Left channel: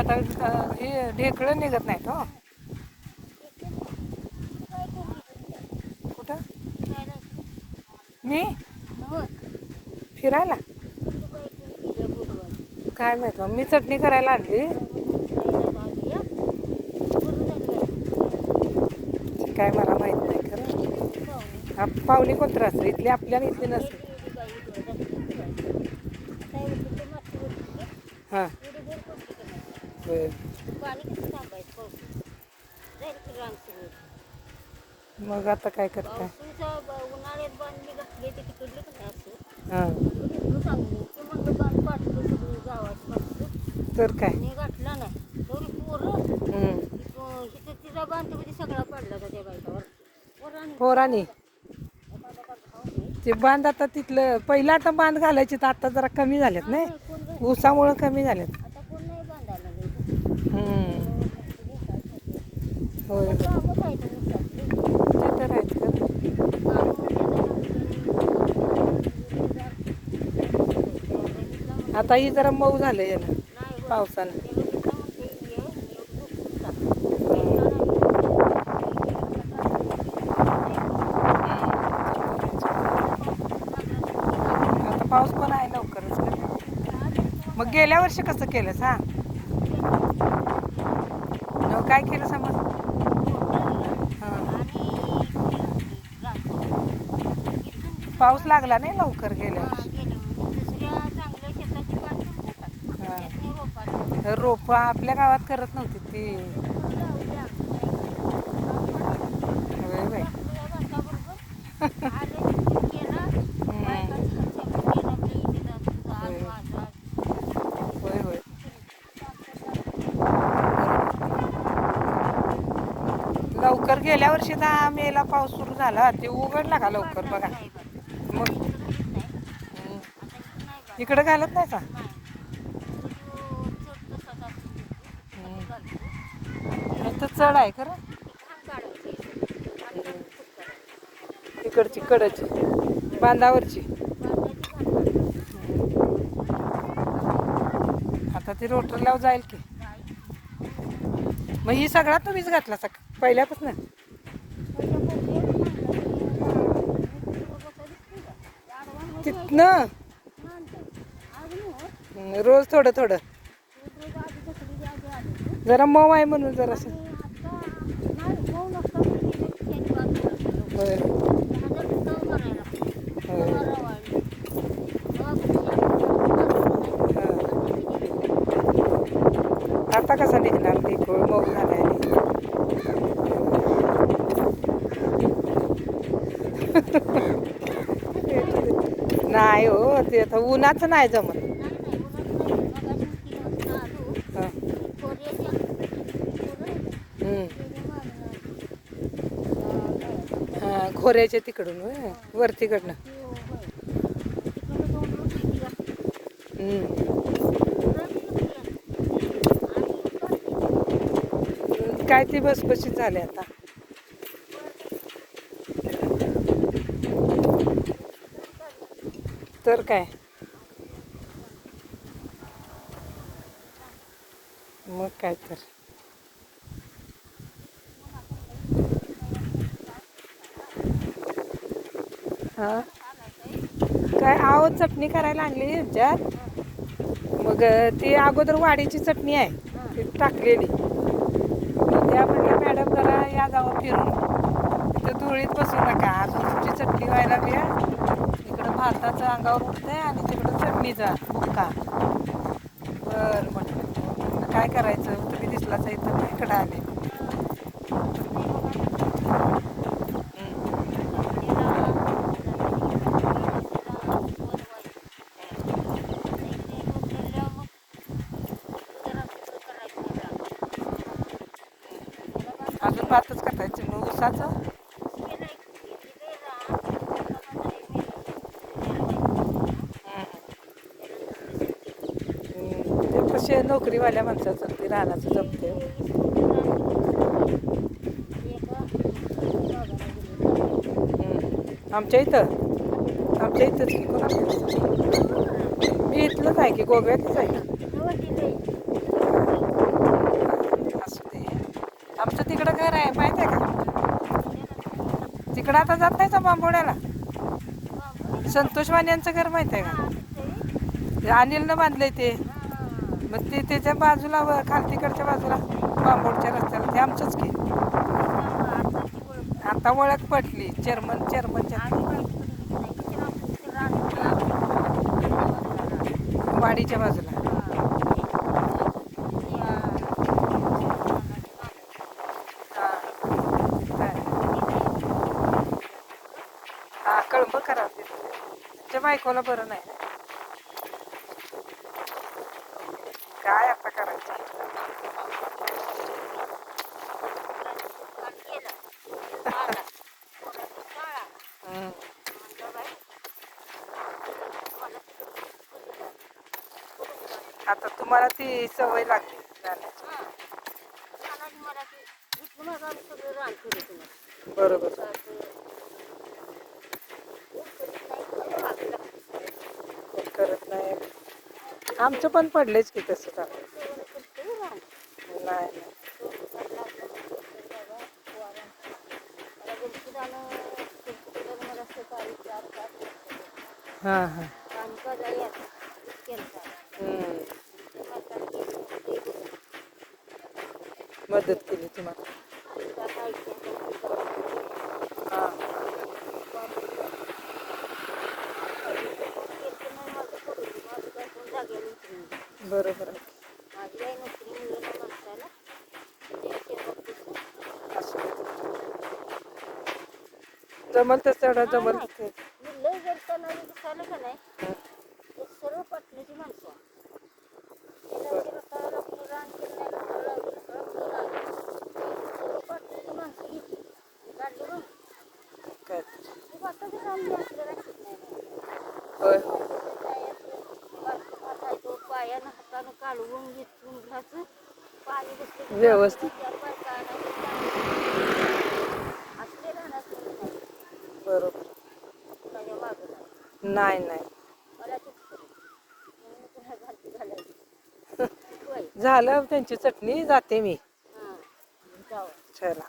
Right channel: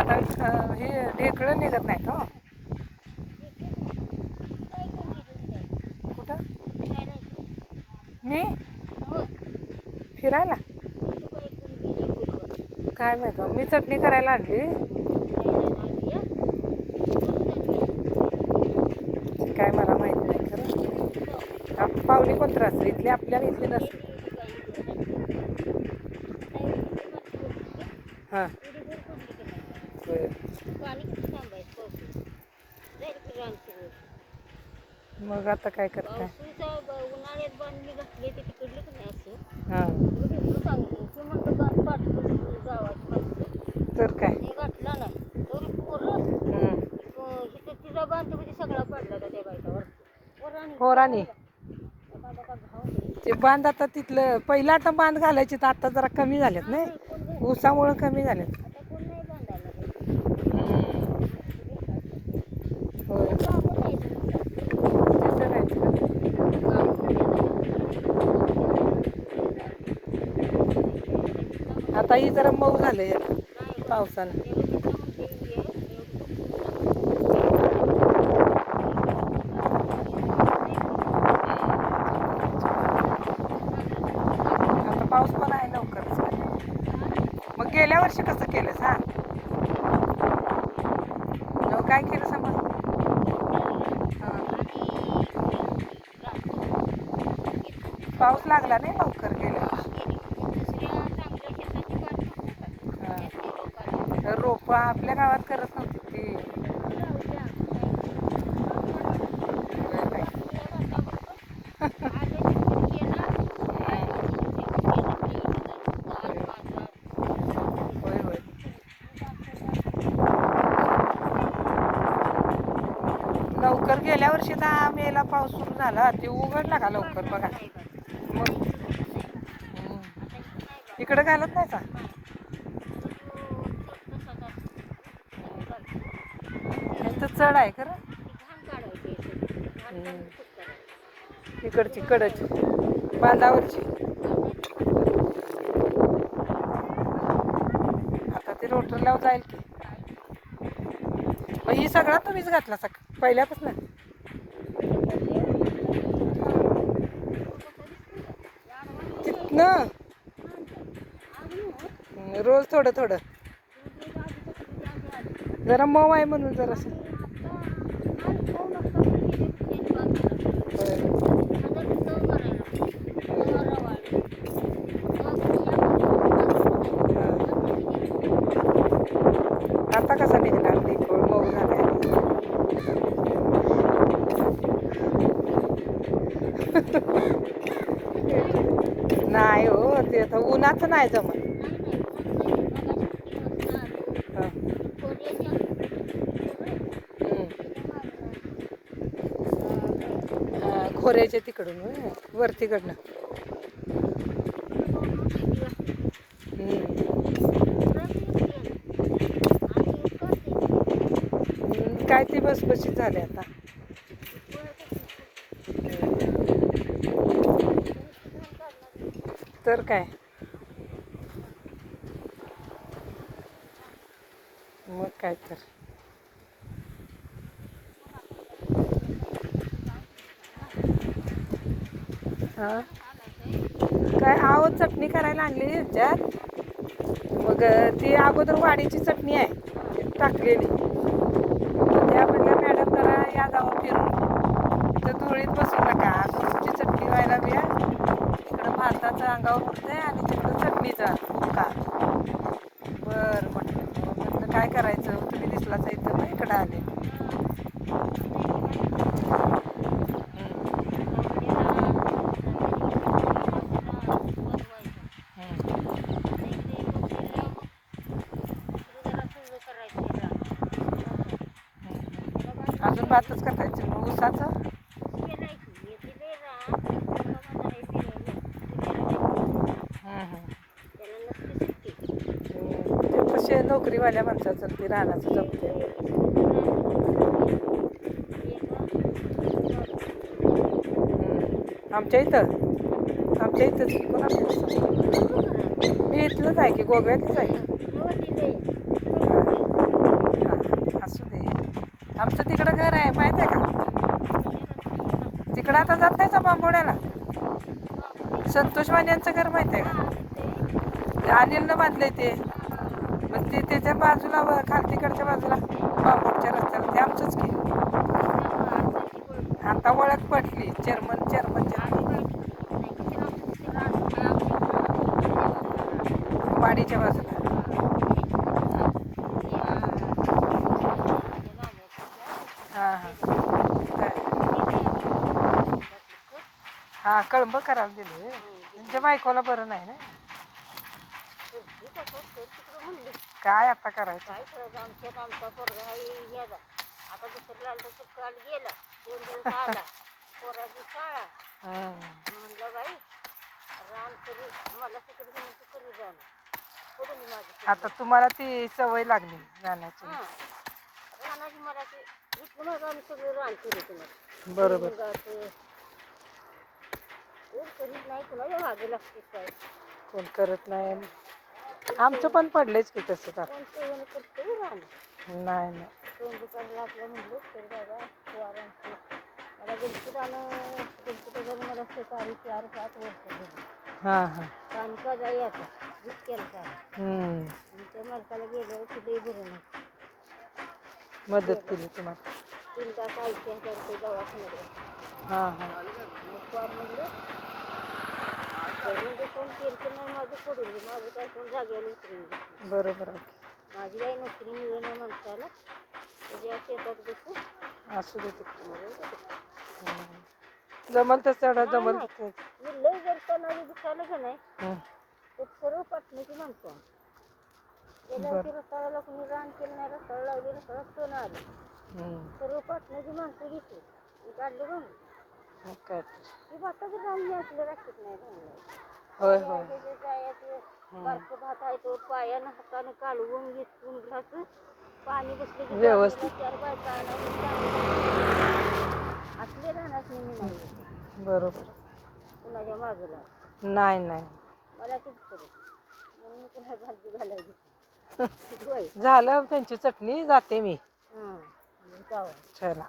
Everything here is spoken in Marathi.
आता हे ढेकळं निघत नाहीत हो. कुठं मी फिरायला काय माहित मी चटणी करायला आणली. काय मला माहित नाही खरं. पावली कोणतं असते इथली आपल्याला इथली नसते. हां होय. मग आता काय करता. हां तर काय पोरांनी ते बांध आता तिथलं पहिलं आता बांध घालायचे तर आता जरा कमी झालेत नाही ऊसामुळं कमी झालेत. होय आता ही जरा मऊ झालं याला पावसानं. आता पाऊस पण आहे लवकरच. मग गेल्या वर्षी कसं केलंस हा काय केलं समज. पाऊस लागला नाही लवकर गेल्या वर्षी. रोप आपल्या गावात करत नव्हती ती. होय होय लवकर गेल्या वर्षी 10 मेला पाऊस सुरू झाला ते उघडला का लवकर बघा. मग इकडं घालत नाही का. तर चढ आहे खरं. इकडची कडची बांधावरची. आता ती रोटरला जाईल की. मग ही सगळा तुम्हीच घातला पहिल्यातच नाही. तिथनं रोज थोडं थोडं जरा मऊ आहे म्हणून जरासं. आता कसा निघणार ती खोळ मऊ झाला. नाही हो ते आता उन्हाचं नाही जमत. खोऱ्याच्या तिकडून वरतीकडनं. काय ती बसबशीत झाली आता. तर काय मग काय तर. हां काय आहो चटणी करायला आणली ह्याच्यात. मग ती अगोदर वाडीची चटणी आहे ती टाकलेली. त्या म्हणजे मॅडम जरा या जावं फिरून तिथं धुळीत बसू नका अजून तुमची चटणी व्हायला वेळ. इकडं भाताचं अंगावर उठतंय आणि तिकडं चटणीचा बुक्का. बरं म्हटलं काय करायचं तुम्ही दिसलाच इथं इकडं आले. अजून भातच करायचं मग ऊसाचं. ते कसे नोकरीवाल्या माणसाचं ते रानाचं जमते. आमच्या इथंच मी इथलंच आहे की गोव्यातच आहे. असू दे. आमचं तिकडं घर आहे माहिती आहे का? तिकडं आता जात नाही का बांबोड्याला? संतोष वाण्यांचं घर माहिती आहे का? ते अनिलनं बांधलंय ते. मग ते त्याच्या बाजूला खालतीकडच्या बाजूला बांबोडच्या रस्त्याला ते आमचंच की. आता ओळख पटली चेअरमनच्या वाडीच्या बाजूला. हां हां कळंब खराब दिलं तुमच्या बायकोला बरं नाही ना. काय आता करायचं. हम्म. आता तुम्हाला ती सवय लागली जाण्याची. बरोबर. पण करत नाही. आमचं पण पडलेच की तसं का. नाही नाही. हां हां. हम्म. मदत केली तुम्हाला. हां हां. बरोबर आहे. असू दे. जमल तसं तेवढं जमल. हं. बरं. काय. होय होय. व्यवस्थित. बरोबर. नाही नाही. झालं त्यांची चटणी जाते मी. चला.